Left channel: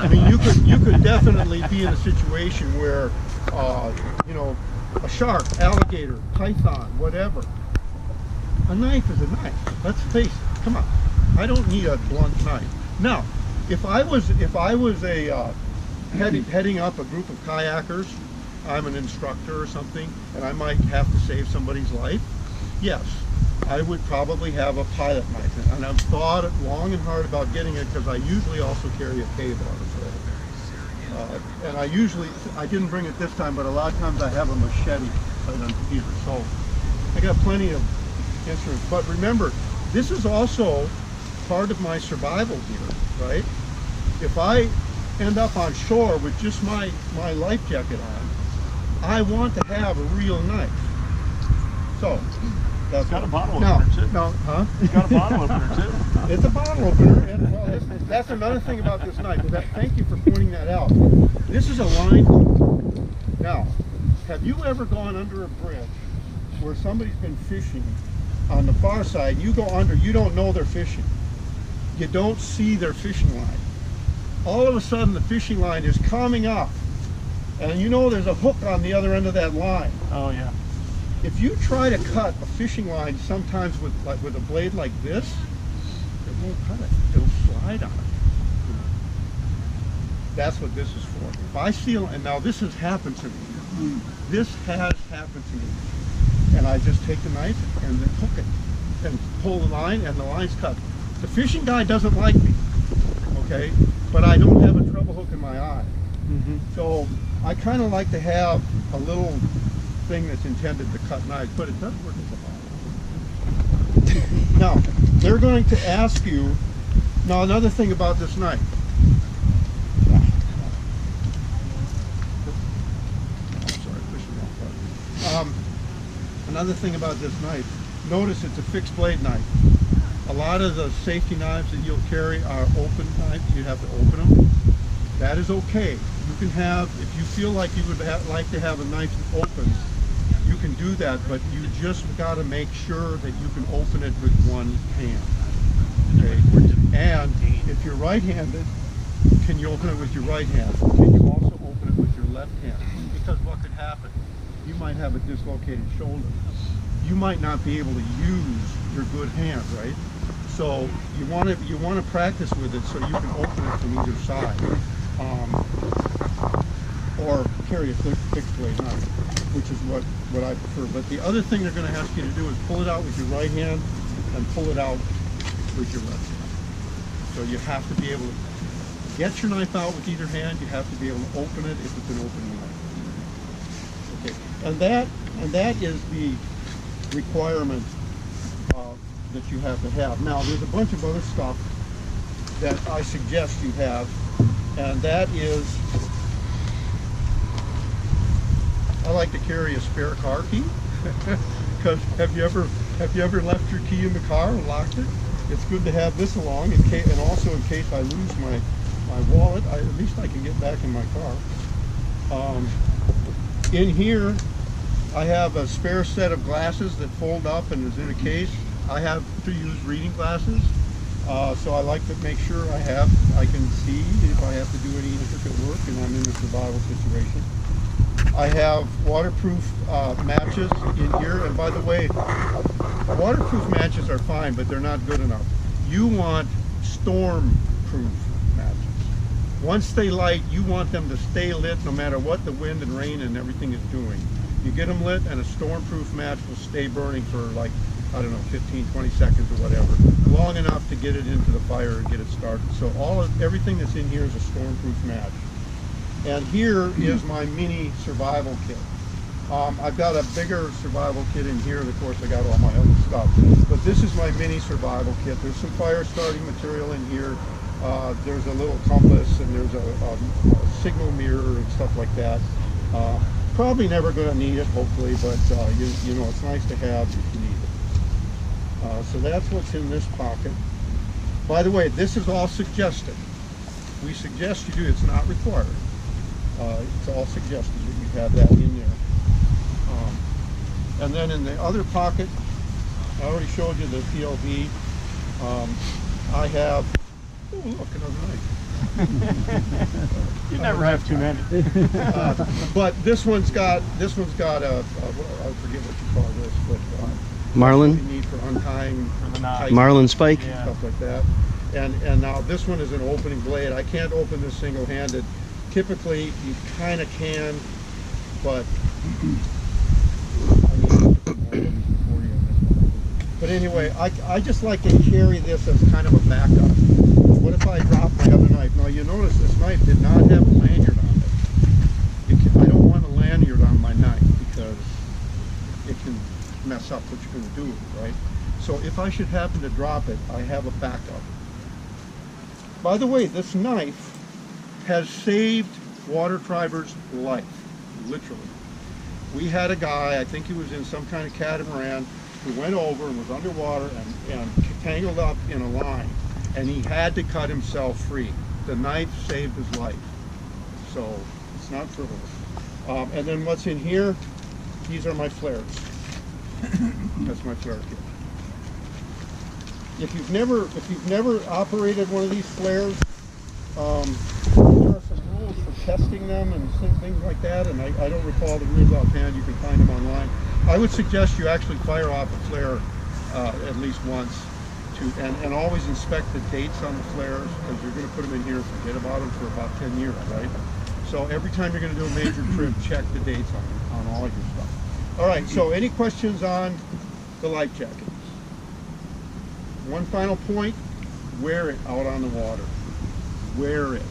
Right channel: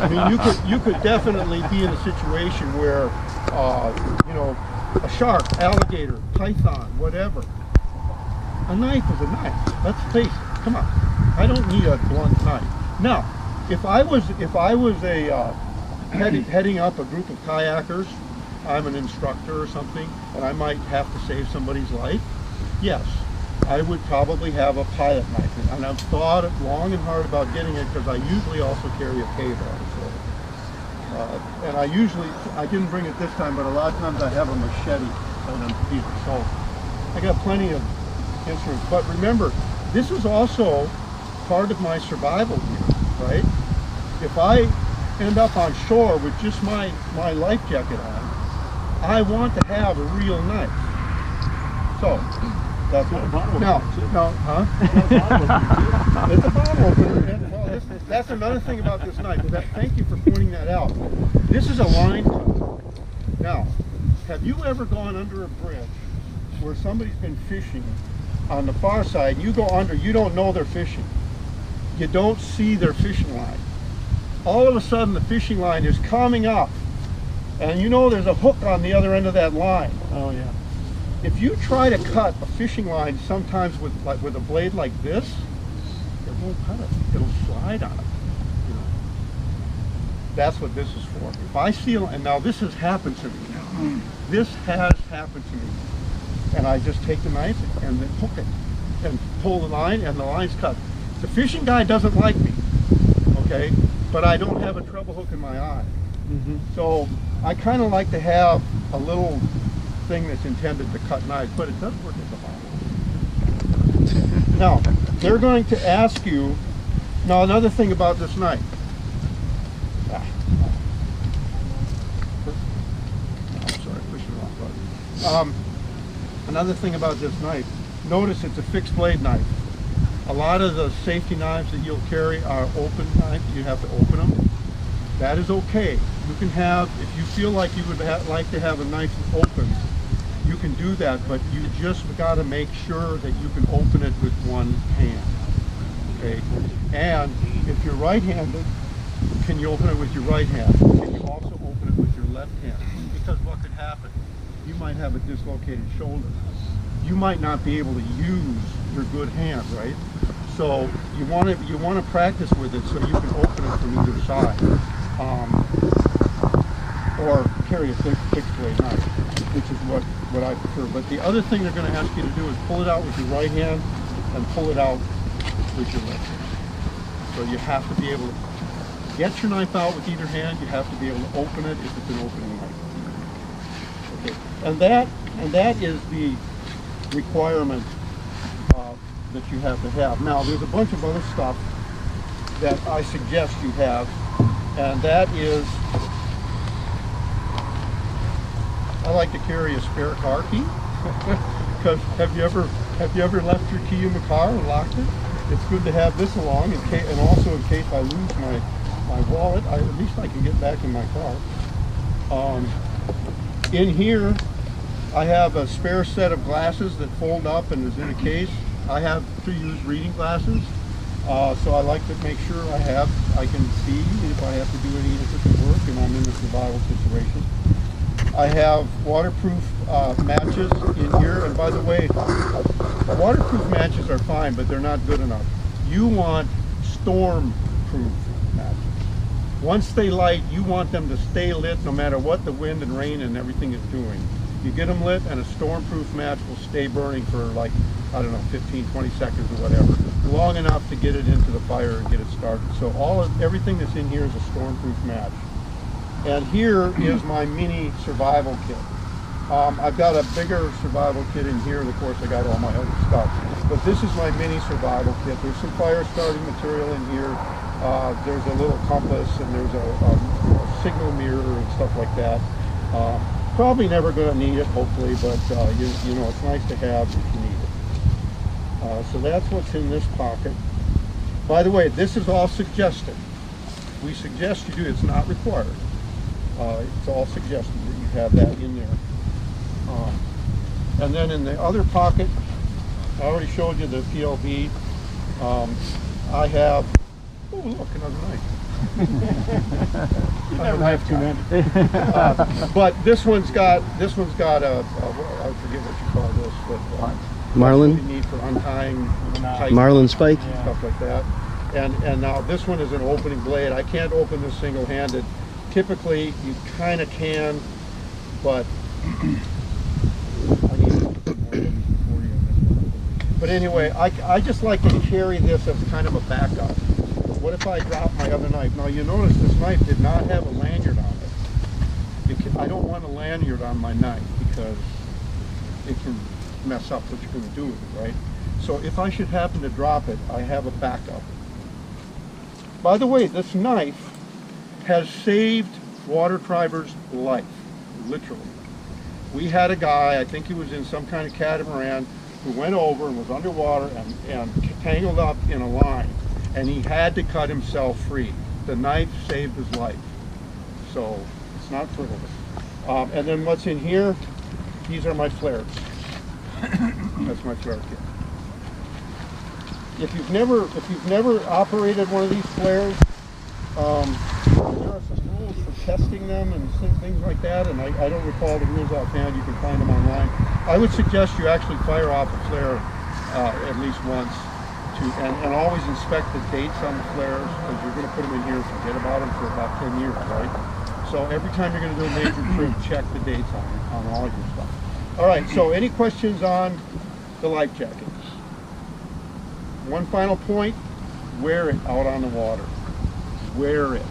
I mean, you could definitely be in a situation where, you know, a shark, alligator, python, whatever. A knife is a knife. Let's face it. Come on. I don't need a blunt knife. Now, if I was a heading up a group of kayakers, I'm an instructor or something, and I might have to save somebody's life, yes, I would probably have a pilot knife. And I've thought long and hard about getting it because I usually also carry a K-bar. So, and I didn't bring it this time, but a lot of times I have a machete right underneath. So I got plenty of instruments. But remember, this is also part of my survival gear, right? If I end up on shore with just my life jacket on, I want to have a real knife. So that's got a bottle opener too. No, huh? Got a bottle opener too. It's a bottle opener, and well, that's another thing about this knife. Thank you for pointing that out. This is a line cutter. Now, have you ever gone under a bridge where somebody's been fishing on the far side? You go under, you don't know they're fishing. You don't see their fishing line. All of a sudden, the fishing line is coming up, and you know there's a hook on the other end of that line. Oh yeah. If you try to cut a fishing line sometimes with a blade like this, it won't cut it. It'll slide on it. You know? That's what this is for. If I see, and now this has happened to me. This has happened to me. And I just take the knife and then hook it and pull the line, and the line's cut. The fishing guy doesn't like me, okay? But I don't have a treble hook in my eye. So I kind of like to have a little thing that's intended to cut knives, but it does work as a bottle. Now, they're going to ask you, now another thing about this knife. Sorry, pushing the wrong button. Another thing about this knife, notice it's a fixed blade knife. A lot of the safety knives that you'll carry are open knives. You have to open them. That is okay. You can have, if you feel like you would like to have a knife open, you can do that, but you just got to make sure that you can open it with one hand. Okay? And if you're right-handed, can you open it with your right hand? Can you also open it with your left hand? Because what could happen? You might have a dislocated shoulder. You might not be able to use your good hand, right? So you want to practice with it so you can open it from either side, or carry a fixed blade knife, which is what I prefer. But the other thing they're going to ask you to do is pull it out with your right hand and pull it out with your left hand. So you have to be able to get your knife out with either hand. You have to be able to open it if it's an opening knife. Okay, and that is the requirement that you have to have. Now, there's a bunch of other stuff that I suggest you have, and that is, I like to carry a spare car key. Because have you ever left your key in the car and locked it? It's good to have this along, and also in case I lose my wallet, at least I can get back in my car. In here, I have a spare set of glasses that fold up and is in a case. I have to use reading glasses, so I like to make sure I can see if I have to do any intricate work and I'm in a survival situation. I have waterproof matches in here, and by the way, waterproof matches are fine, but they're not good enough. You want storm-proof matches. Once they light, you want them to stay lit no matter what the wind and rain and everything is doing. You get them lit, and a storm-proof match will stay burning for, like, I don't know, 15, 20 seconds or whatever, long enough to get it into the fire and get it started. So everything that's in here is a storm-proof match. And here is my mini survival kit. I've got a bigger survival kit in here, and of course I got all my other stuff. But this is my mini survival kit. There's some fire starting material in here. There's a little compass, and there's a signal mirror and stuff like that. Probably never going to need it, hopefully, but you know, it's nice to have if you need it. So that's what's in this pocket. By the way, this is all suggested. We suggest you do, it's not required. It's all suggested that you have that in there. And then in the other pocket, I already showed you the PLB. I have, oh look, another knife. You never have too many. But this one's got I forget what you call this, but Marlin? you need for untying tight Marlin spike? Yeah. stuff like that. And now this one is an opening blade. I can't open this single-handed. Typically, you kind of can, but I need to put more of these before you on this one. But anyway, I just like to carry this as kind of a backup. What if I drop my other knife? Now you notice this knife did not have a lanyard on it. I don't want a lanyard on my knife because it can mess up what you're going to do with it, right? So if I should happen to drop it, I have a backup. By the way, this knife has saved water triber's life, literally. We had a guy, I think he was in some kind of catamaran, who went over and was underwater and tangled up in a line, and he had to cut himself free. The knife saved his life. So it's not frivolous. And then what's in here, these are my flares. That's my flare kit. If you've never operated one of these flares, there are some rules for testing them and things like that, and I don't recall the rules offhand. You can find them online. I would suggest you actually fire off a flare at least once, and always inspect the dates on the flares, because you're going to put them in here and forget about them for about 10 years, right? So every time you're going to do a major trip, check the dates on all your stuff. All right, so any questions on the life jacket? One final point, wear it out on the water. Wear it.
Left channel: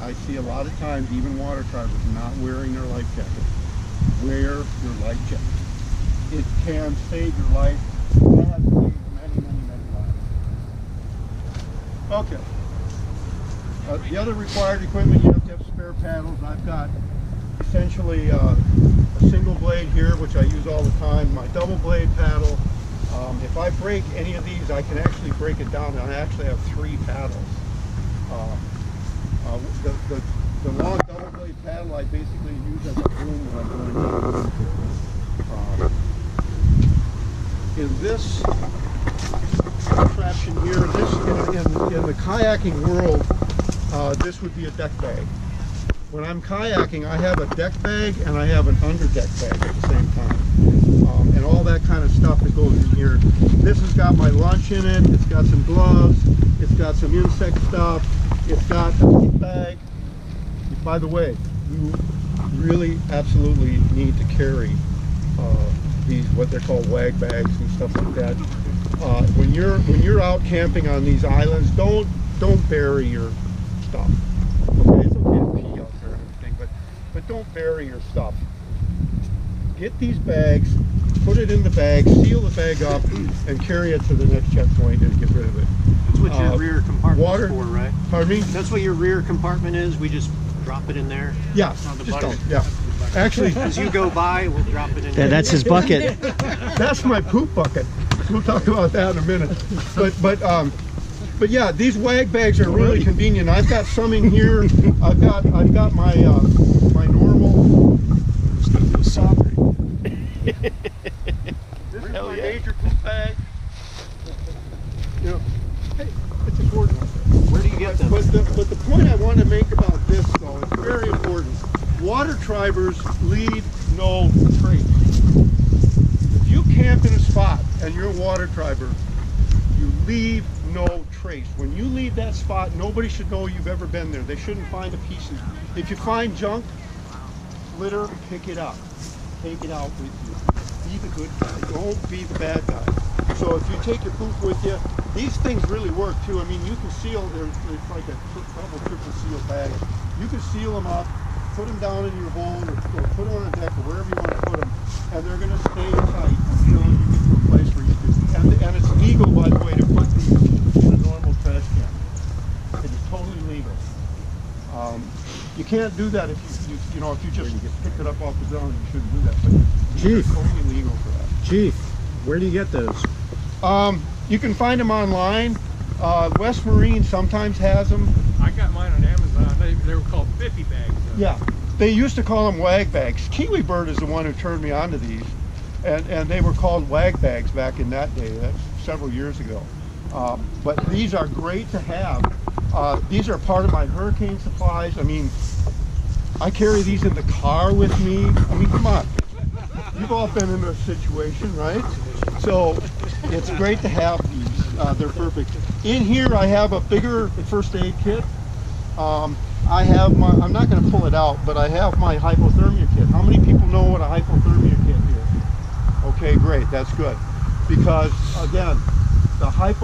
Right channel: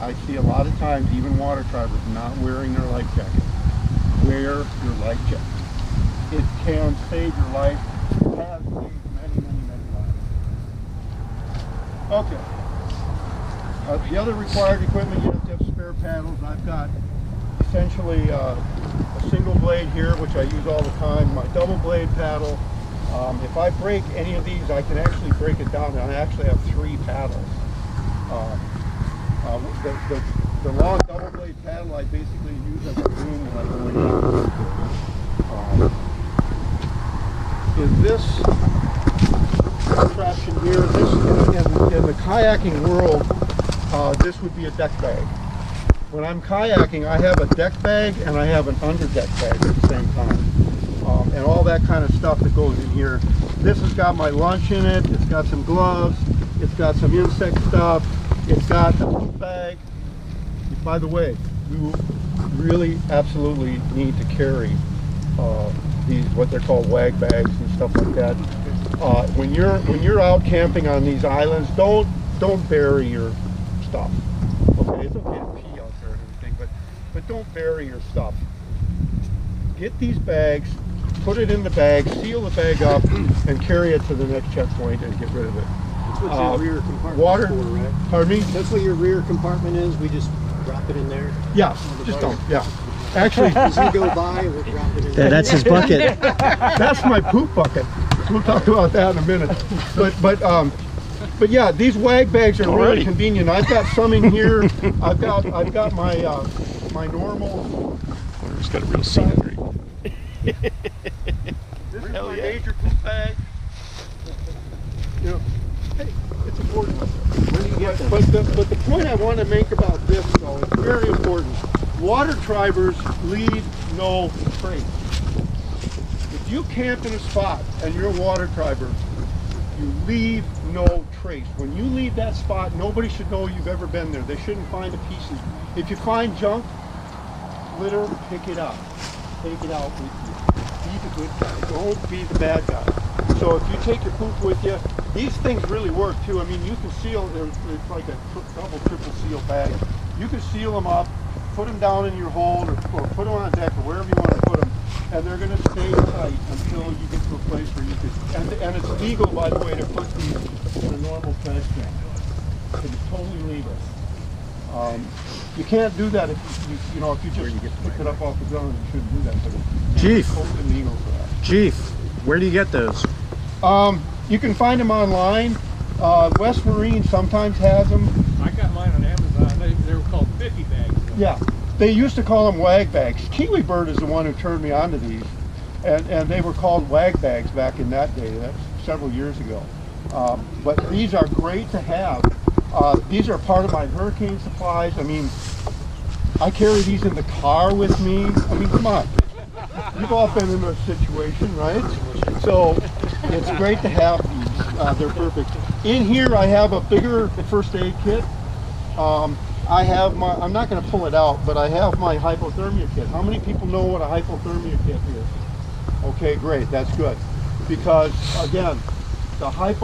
I see a lot of times even water tribers not wearing their life jacket. Wear your life jacket. It can save your life. It has saved many lives. Okay. The other required equipment, you have to have spare paddles. I've got essentially a single blade here, which I use all the time, my double blade paddle. If I break any of these, I can actually break it down, and I actually have 3 paddles. The long double blade paddle I basically use as a boom when I'm going downwind. In this contraption here, in the kayaking world, this would be a deck bag. When I'm kayaking, I have a deck bag and I have an under deck bag at the same time. And all that kind of stuff that goes in here. This has got my lunch in it, it's got some gloves, it's got some insect stuff, it's got a poop bag. By the way, you really absolutely need to carry these, what they're called wag bags and stuff like that. When you're out camping on these islands, don't bury your stuff. Okay, it's okay to pee out there and everything, but don't bury your stuff. Get these bags, put it in the bag, seal the bag up, and carry it to the next checkpoint and get rid of it. That's what your rear compartment is for, right? Pardon me? That's what your rear compartment is? We just drop it in there? Yeah, just don't, yeah. Actually, as you go by, we'll drop it in there. That's his bucket. that's my poop bucket. We'll talk about that in a minute. But yeah, these wag bags are really convenient. I've got some in here. I've got my my normal. It's got a real scenery. This is my major poop bag. You know, hey, it's important out there. Where do you get them? But the point I want to make about this, though, it's very important. Water tribers leave no trace. If you camp in a spot and you're a water triber, you leave no trace. When you leave that spot, nobody should know you've ever been there. They shouldn't find the pieces. If you find junk, litter, pick it up. Take it out with you. Be the good guy. Don't be the bad guy. So if you take your poop with you, these things really work too. I mean, you can seal, it's like a double, triple seal bag. You can seal them up, put them down in your hold, or put them on a deck, or wherever you want to put them, and they're going to stay tight until you get to a place where you can, and it's legal, by the way, to put these in a normal trash can. It is totally legal. You can't do that if you know, if you just picked it up off the ground. You shouldn't do that, but Chief. it's totally legal for that. Chief, where do you get those? You can find them online. West Marine sometimes has them. I got mine on Amazon. They were called Biffy bags. Yeah, they used to call them wag bags. Kiwi Bird is the one who turned me onto these, and they were called wag bags back in that day. That's several years ago. But these are great to have These are part of my hurricane supplies. I mean, I carry these in the car with me. I mean, come on. You've all been in a situation, right? So it's great to have these. They're perfect. In here, I have a bigger first aid kit. I have my, I'm not going to pull it out, but I have my hypothermia kit. How many people know what a hypothermia kit is? Okay, great. That's good. Because, again, the hypothermia